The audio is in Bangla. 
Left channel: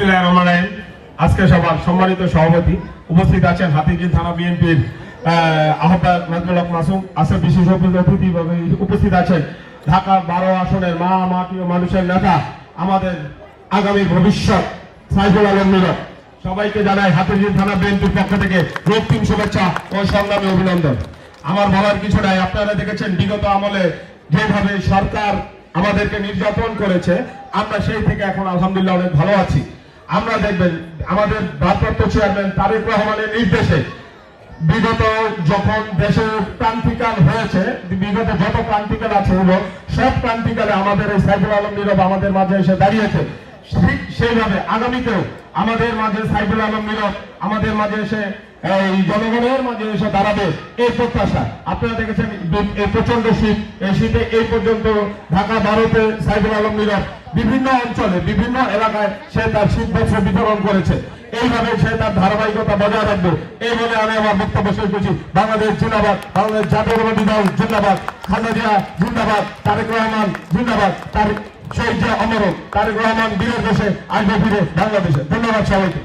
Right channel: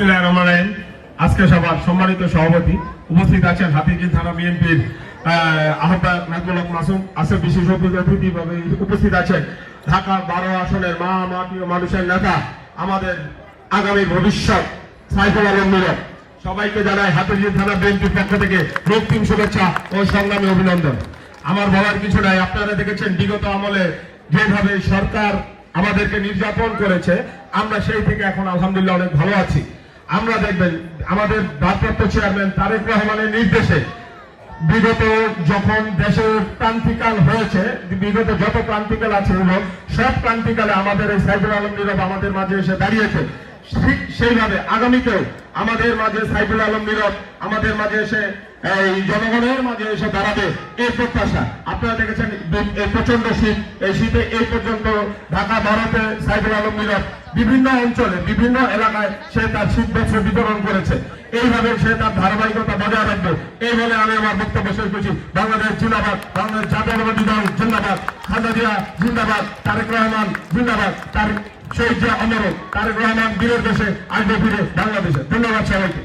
বিসমিল্লাহির রহমানির রহিম। আজকে সভার সম্মানিত সভাপতি উপস্থিত আছেন হাতিঝিল থানা বিএনপির আহ্বায়ক নাজমুল হক মাসুম, আছে বিশেষ অতিথি উপস্থিত আছেন ঢাকা 12 আসনের মাটি ও মানুষের নেতা, আমাদের আগামী ভবিষ্যৎ সাইফুল আলম নীরব। সবাইকে জানাই হাতিঝিল থানা বিএনপির পক্ষ থেকে রক্তিম শুভেচ্ছা ও সংগ্রামী অভিনন্দন। আমার বলার কিছু নাই, আপনারা দেখেছেন বিগত আমলে যেভাবে সরকার আমাদেরকে নির্যাতন করেছে, আমরা সেই থেকে এখন আলহামদুলিল্লাহ অনেক ভালো আছি। আমরা দেখবেন আমাদের ভারপ্রাপ্ত চেয়ারম্যান তারেক রহমানের নির্দেশে বিগত যখন দেশের ক্রান্তিকাল হয়েছে, বিগত যত ক্রান্তিকাল আছে সব ক্রান্তিকালে আমাদের এই সাইফুল আলম নীরব আমাদের মাঝে এসে দাঁড়িয়েছে। ঠিক সেইভাবে আগামীতেও আমাদের মাঝে সাইফুল আলম নীরব আমাদের মাঝে এসে এই জনগণের মাঝে এসে দাঁড়াবে, এই প্রত্যাশা। আপনারা দেখেছেন এই প্রচন্ড শীত, এই শীতে এই পর্যন্ত ঢাকা 12-তে সাইফুল আলম নীরব বিভিন্ন অঞ্চলে বিভিন্ন এলাকায় সে তার শীতবস্ত্র বিতরণ করেছে। এইভাবে সে তার ধারাবাহিকতা বজায় রাখবে, এই বলে আমি আমার বক্তব্য শেষ করছি। বাংলাদেশ জিন্দাবাদ, বাংলাদেশ জাতীয়তাবাদী দল জিন্দাবাদ, খালেদা জিয়া জিন্দাবাদ, তারেক রহমান জিন্দাবাদ, তার শহীদ জিয়া অমর, তারেক রহমান বীরের দেশে আসবে ফিরে বাংলাদেশে। ধন্যবাদ সবাইকে।